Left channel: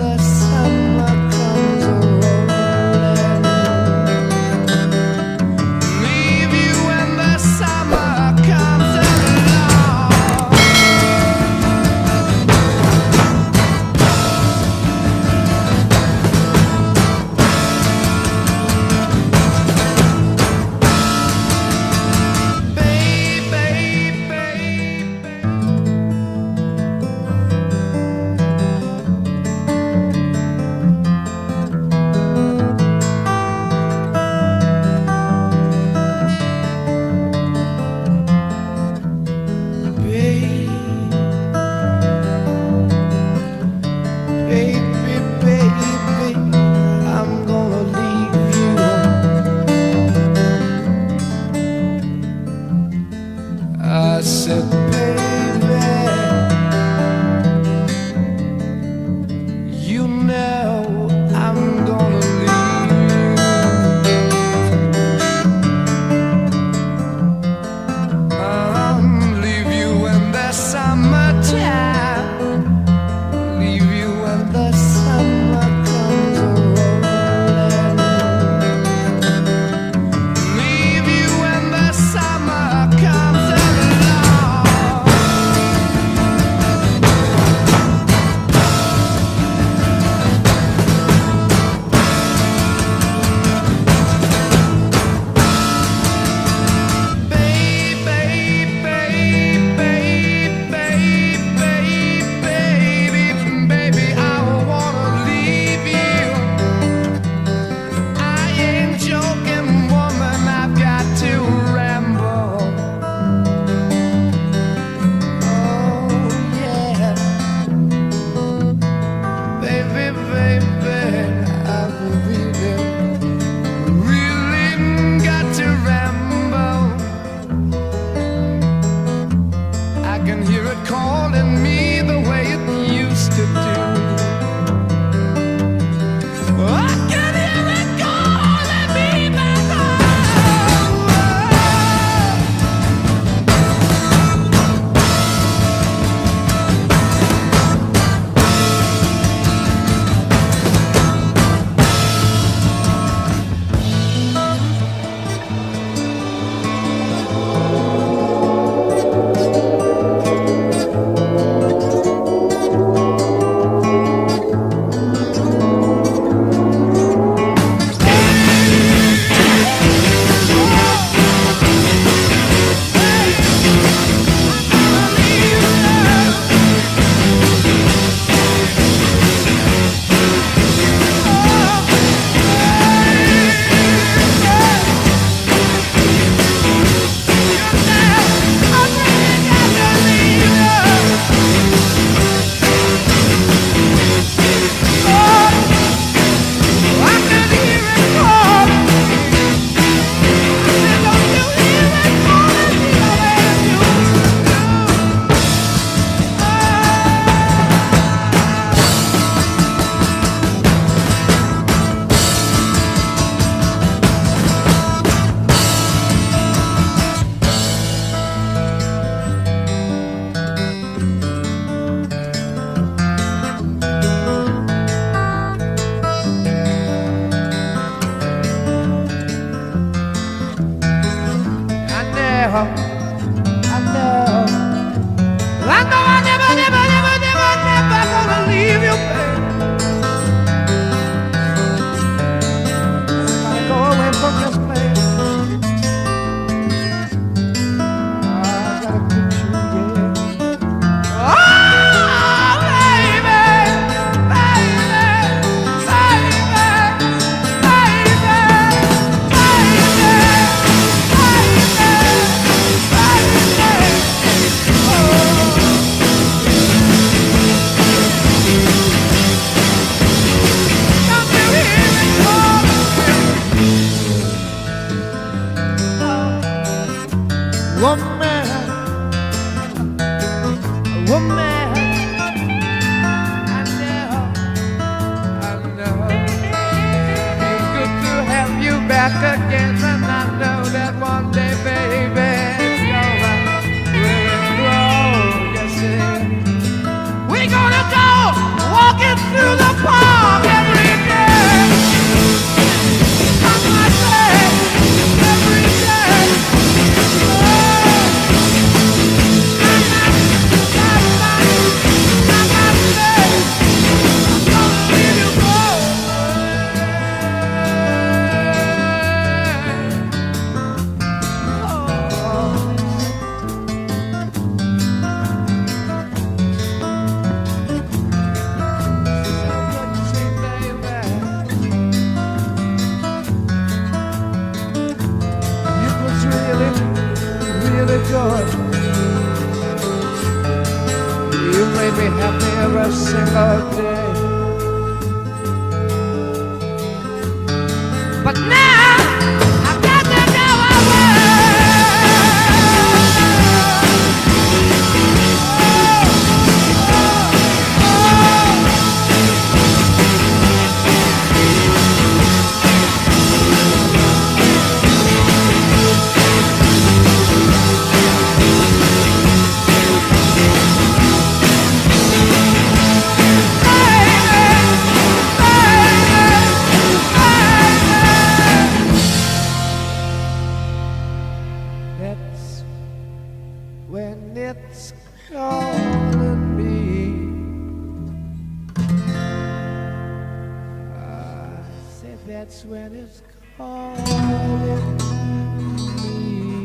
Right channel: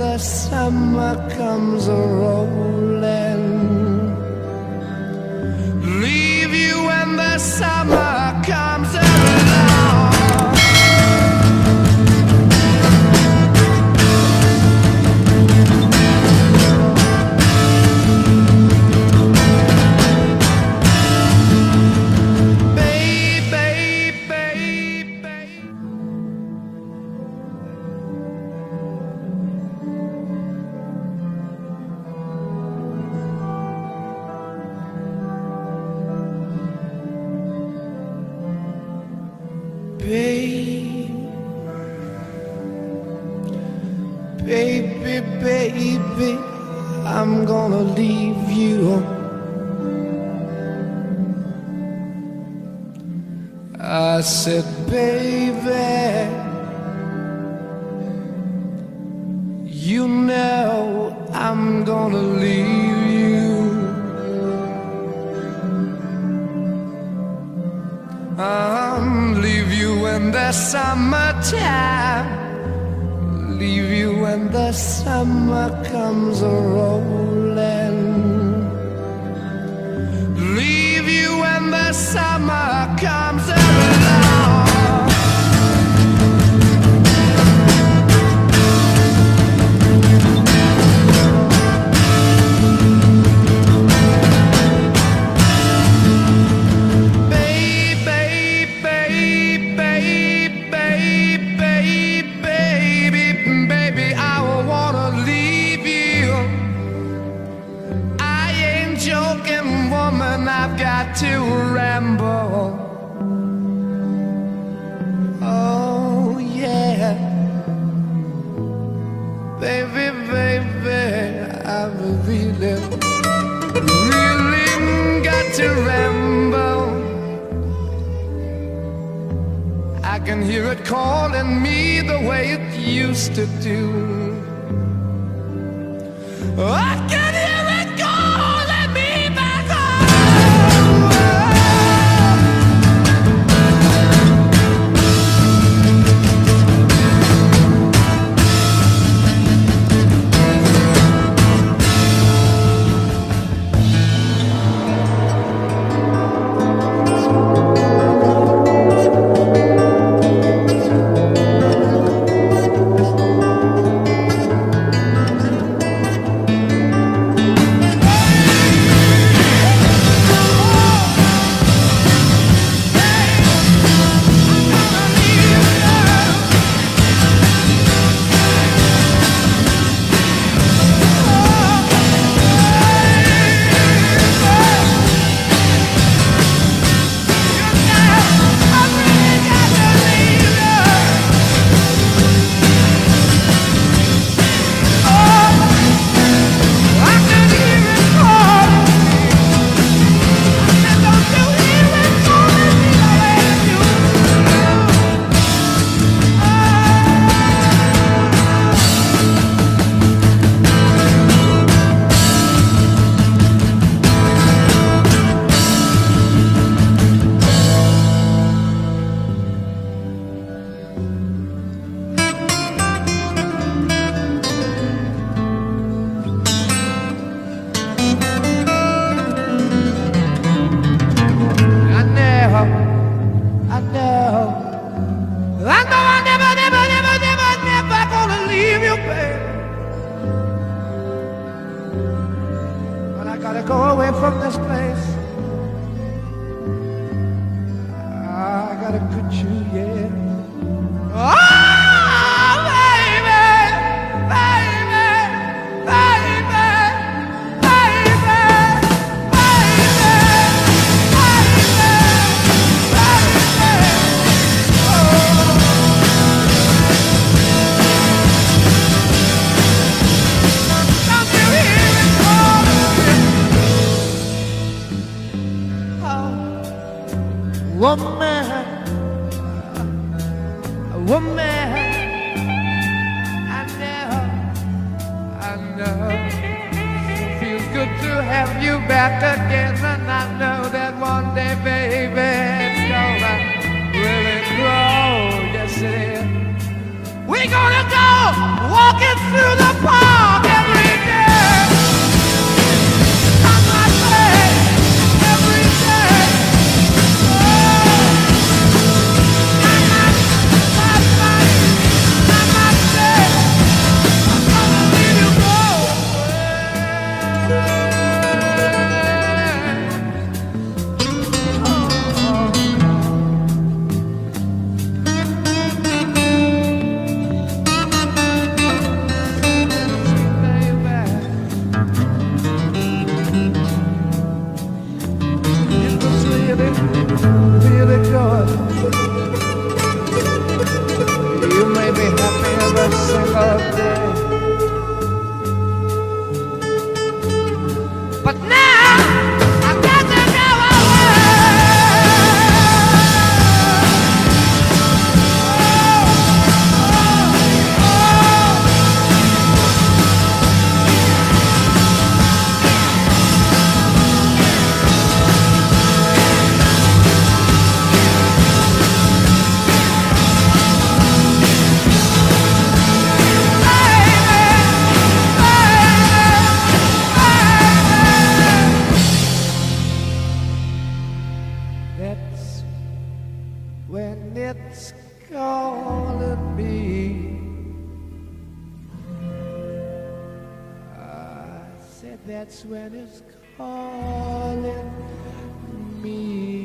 the summer comes a-rolling. Leave you when the summer comes along. Baby, baby, I'm gonna leave you. I said, baby, you know I'm gonna leave you. Leave you in the summertime. Leave you when the summer comes a-rolling. Leave you when the summer comes along. To ramble, oh yeah, baby, baby, I've really got to ramble. I can hear it calling me the way it used to do. I can hear it calling me back home. Never gonna leave you, babe. And I gotta go away from this place. I gotta quit you, yeah. Oh, baby, baby, baby, baby, woman, woman, I know, feels good to have you back again, and I know that one day, baby, it's gonna really grow, yes it is. We gonna go walking through the park every day. I might say every day. Oh, I might say I'm gonna leave you go away. Oh. Really good. You made me happy every single day. But now I've got to go away. That's when it's calling me. I said that's when it's calling me.